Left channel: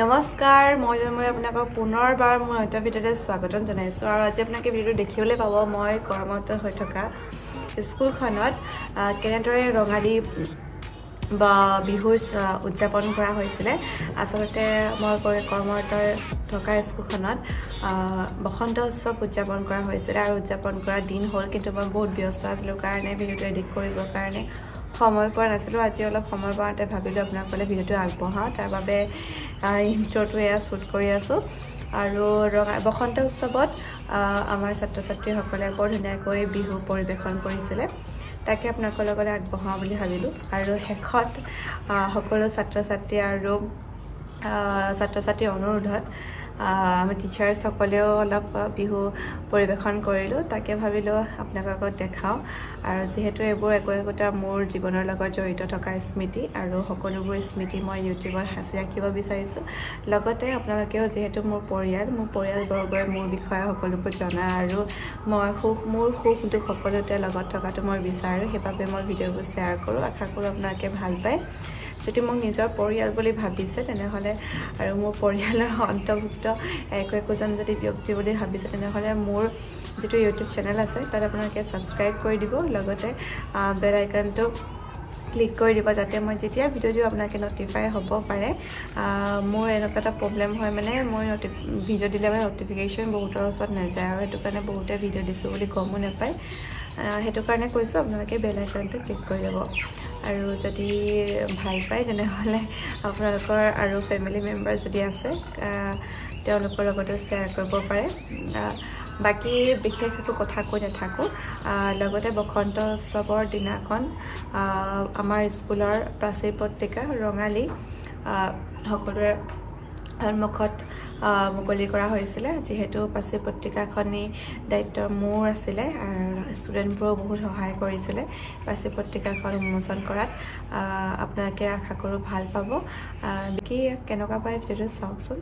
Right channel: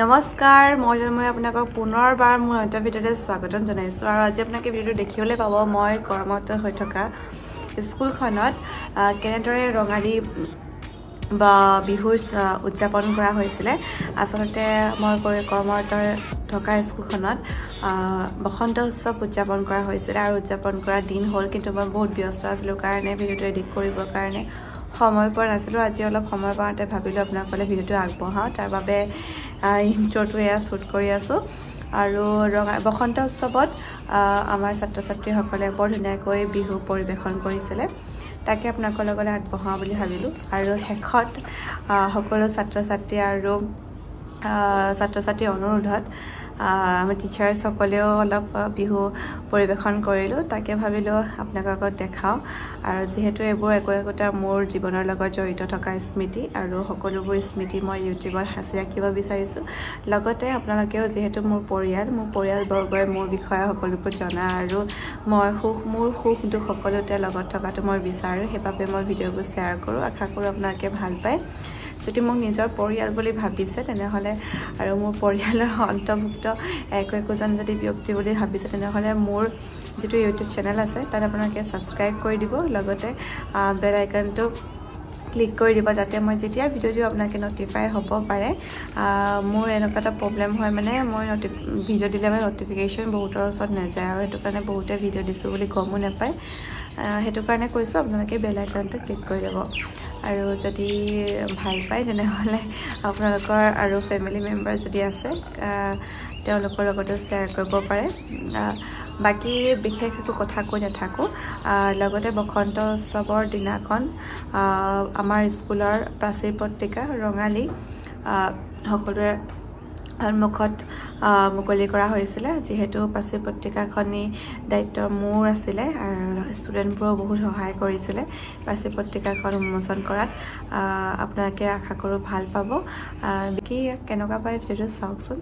নমস্কাৰ মই আপোনাক পুনৰবাৰ মোৰ এটা ভিডিঅ'তে স্বাগতম জনাইছো আৰু আজি আপোনাক ভিডিঅ'টো দেখিবলৈ পাব মই কৰ্মৰত হৈ থকা স্কুলখনত কেনেদৰে ৰঙালী বা বিহুৰ উদযাপন কৰা হৈছিল আসলতে মই কৰ্মৰত থকা স্কুলখনত বসন্ত উৎসৱ উদযাপন কৰা হৈছিল আৰু উদযাপন কৰা দিন হ'ল কিন্তু মই বহুত ব্যস্ত আছিলোঁ কাৰণে ভিডিঅ'টো এডিট কৰিবৰ কাৰণে সময় পোৱা নাছিলোঁ আজি অলপ সময় পাওঁতে ভাবিলোঁ আপোনালোকলৈ ভিডিঅ'টো আগবঢ়াওঁ তাৰ বাবে ইন্ট্ৰটো এয়া শ্বুট কৰি আছোঁ আৰু বসন্ত উৎসৱত আমাৰ ছাত্ৰ ছাত্ৰীসকলে বৰ ধুনীয়াকৈ বিহু পৰিৱেশন কৰিছিলে তাকে আপোনালোকৰ লগত আগবঢ়াওঁ বুলি ভাবিলোঁ আৰু শেষত সকলো ছাত্ৰ ছাত্ৰীৰ অনুৰোধত আমি টিচাৰ্ছ সকলেও অলপ বিহু পৰিৱেশন কৰিলোঁ তাকে ভাবিলোঁ আপোনালোকক দেখাওঁ আৰু যিহেতু এইবোৰ একোটা মোৰ জীৱনৰ লগত জড়িত থকা স্মৃতি আৰু সকলোবোৰ স্মৃতি মই ইউটিউবত সাঁচি ৰাখিব বিচাৰিছোঁ লগতে আপোনালোকেও যিহেতু মোৰ পৰিয়ালবৰ্গই মোৰ বিষয়ে সকলোবোৰ জনা আৰু মোৰ সুখ দুখ সকলোতে লগত থকাটো মই বিচাৰোঁ সেইবাবে মই ভিডিঅ'বোৰ শ্বেয়াৰ কৰোঁ আশা কৰোঁ আপোনালোকে ভাল পায় যদি মোক নিজৰ পৰিয়াল বুলি ভাবিছে তেনেহ'লে আৰু মোৰ পৰিয়ালৰ অন্তৰ্ভুক্ত একোজন যদি ব্যক্তি বুলি ভাবিছে তেনেহ'লে মোৰ যিটো ইউটিউব চেনেল আছে তাত আপোনালোকে ছাবস্ক্ৰাইব কৰি দিব লগতে বেল আইকনটো ক্লিক কৰি দিব যাতে মই যেতিয়া ভিডিঅ' দিওঁ আপোনালোকে নটিফাই হ'ব পাৰে মোৰ এনেকুৱা এটা প্ৰব্লেম হয় মানে মই ভিডিঅ' দিলে মানে নটিফিকেশ্যন বহুতৰ ওচৰত নাযায় আৰু সেইটো কাৰণে বহুতে ভিডিঅ' দিছোঁ বুলি গমো নাপায় সেইটো কাৰণে কৈছোঁ আপোনালোকে বেল আইকনটো ক্লিক কৰি দিব আৰু যদি ভাল পায় তেনেহ'লে আপোনালোকৰ আৰু ফেমিলি মেম্বাৰ যদি আছে তেওঁলোকৰ লগতো শ্বেয়াৰ কৰিব পাৰে বাকী বিশেষ একো কথা কৈ নাথাকোঁ লগতে বসন্ত উৎসৱৰ দিনাখন আমাৰ স্কুলৰ প্ৰাচীৰ পত্ৰিকা ৰঙালী সকলোৰে সন্মুখত মুকলি কৰা হৈছিলে যিহেতু প্ৰাচীৰ পত্ৰিকাখনি দায়িত্ব মোৰ আছিলে ষ্টুডেণ্টবোৰেও বহুত সহায় কৰিছিলে প্ৰাচীৰ পত্ৰিকাখন উন্মোচন কৰাত আপোনালোকে আশা কৰোঁ ভাল পাব বাকী কেনেকুৱা পায় ভিডিঅ'টো চাওকচোন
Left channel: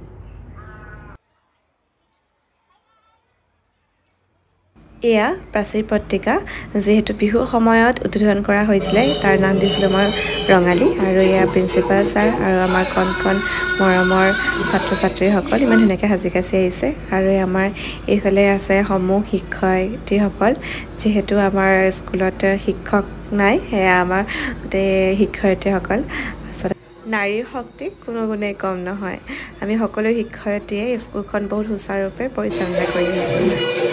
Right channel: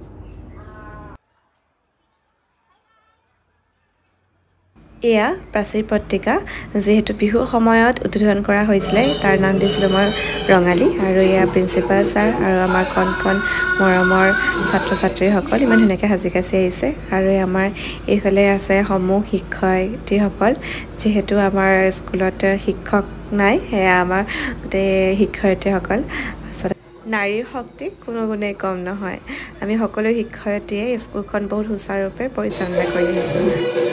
এয়া প্ৰাচীৰ পত্ৰিকা যিহেতু বিহু সময়ত উদ্বোধন কৰা হৈছিলে তাৰ নাম দিছিলোঁ মই ৰঙালী আৰু এয়া প্ৰিন্সিপাল ছাৰ আৰু আমাৰ কণ মৰমৰ ছাত্ৰ ছাত্ৰীসকল ইমান ধুনীয়াকৈ সাজি কাচি আহিছে আৰু আমাৰ এইফালে আছে সমূহ শিক্ষয়িত্ৰীসকল যিহেতু আমাৰ স্কুলত শিক্ষক নাই সেয়া আমাৰ গোটেই শিক্ষয়িত্ৰীসকল নাৰীৰ শক্তি কোনো গুণেই কম নহয় আমি সকলো শিক্ষয়িত্ৰীয়ে স্কুলখন বহুত সুচাৰুৰূপে পৰিচালনা কৰি আহিছোঁ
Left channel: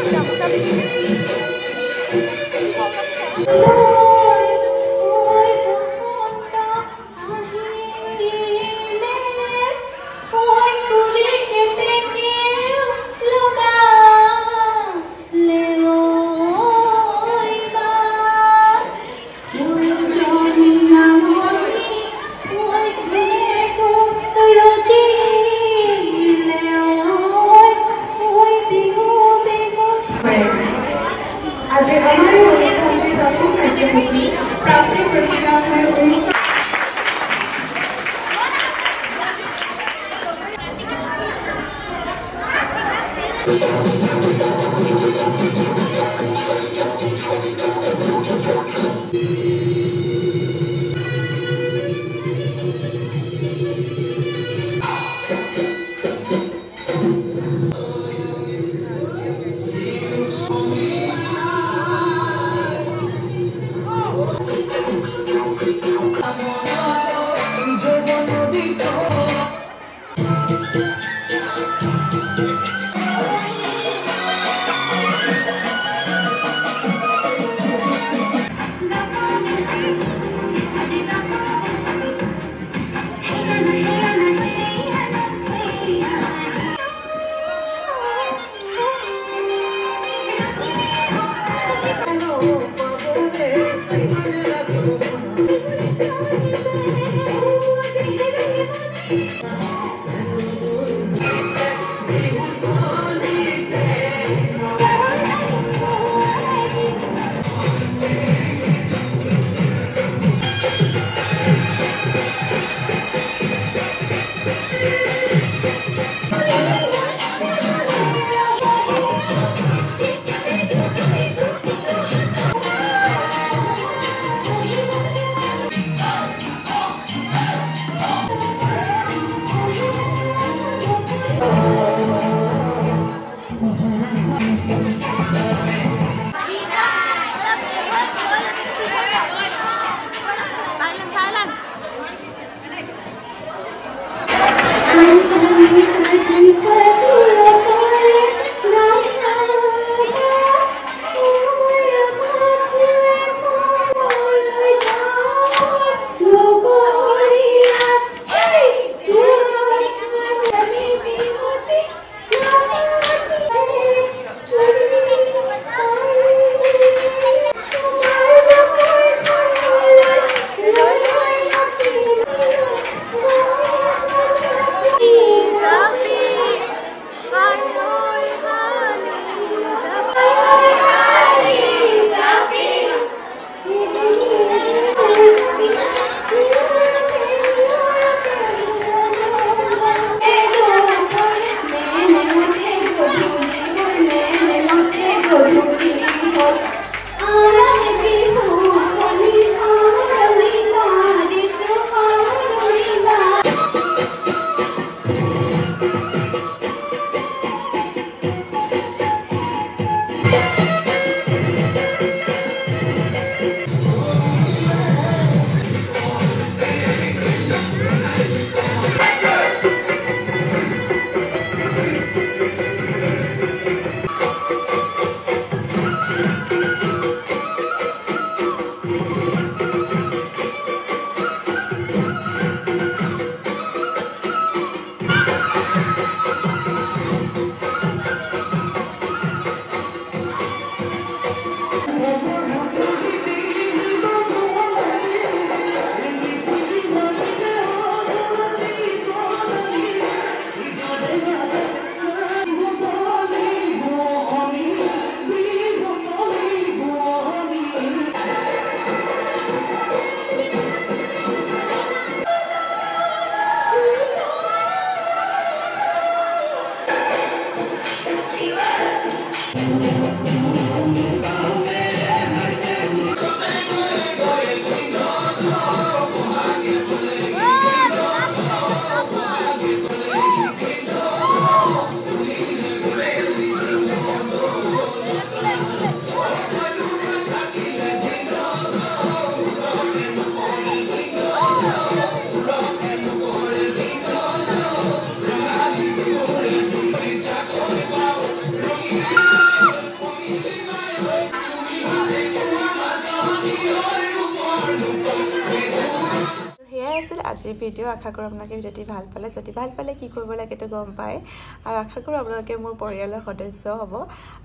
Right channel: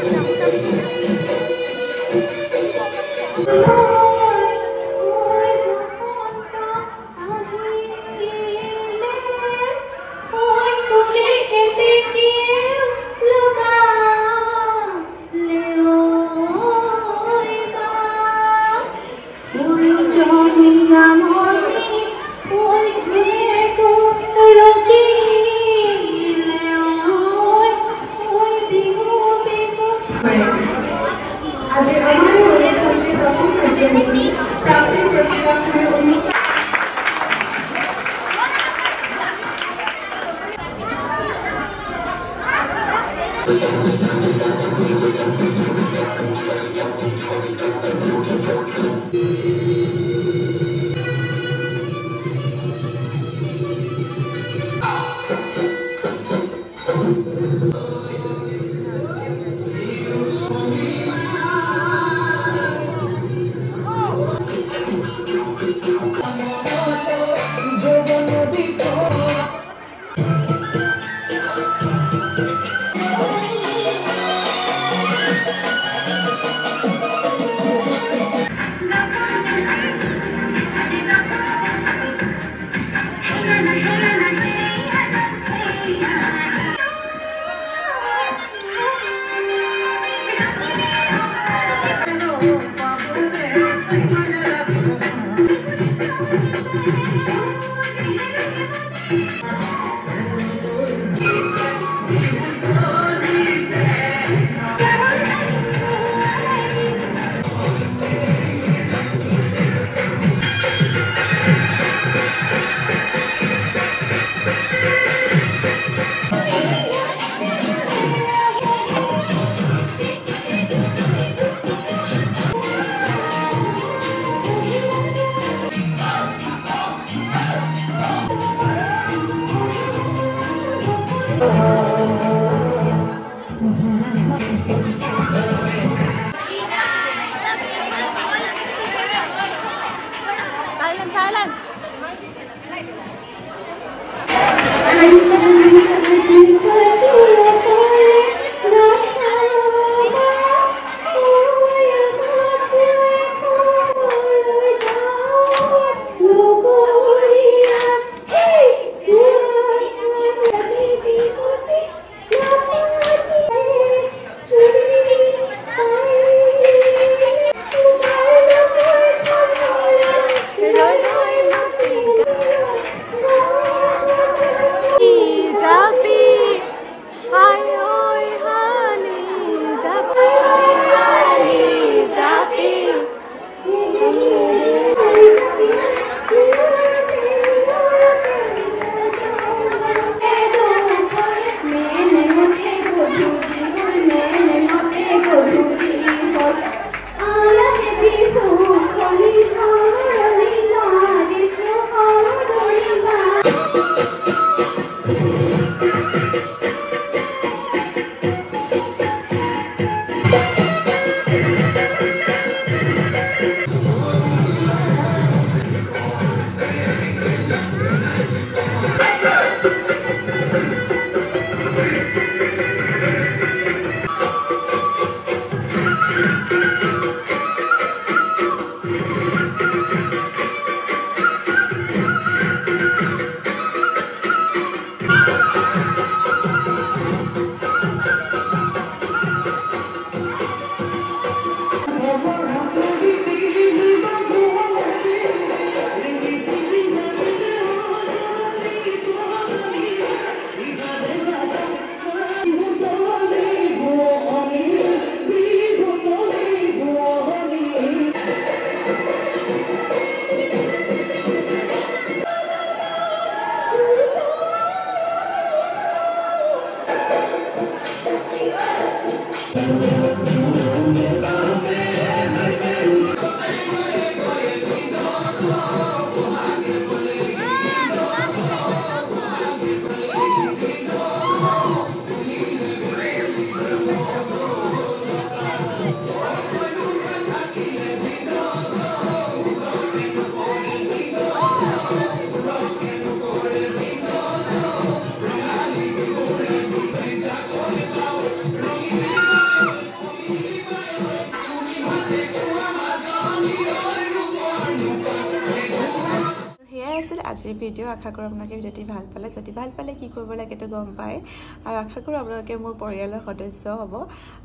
আছিল আজিৰ ভিডিঅ' আশা কৰোঁ আপোনালোকে ভিডিঅ'টি ভাল পালে যদি ভাল পালে কি কৰিব লাগে তো গম পায় আৰু আশা কৰোঁ আপোনালোকে মোৰ পৰিয়ালৰ সদস্য হ'ব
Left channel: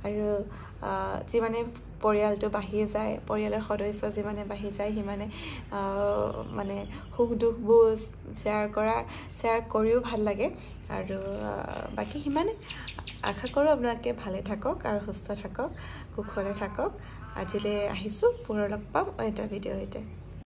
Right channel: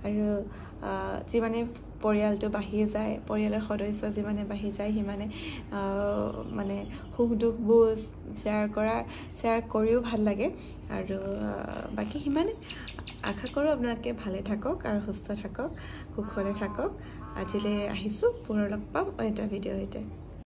আৰু যিমানে পৰিয়ালটো বাঢ়ি যায় পৰিয়ালৰ সদস্য যিমানে বাঢ়ি যায় সিমানে মানে সুখ দুখবোৰ শ্বেয়াৰ কৰিও ভাল লাগে আৰু বাকি সিমানে আশা কৰোঁ আপোনালোকে ভালে থাকক আৰু সুস্থ থাকক কুশলে থাকক আজিলৈ আহিছোঁ পুনৰ লগ পাম এটা ভিডিঅ'ৰ সৈতে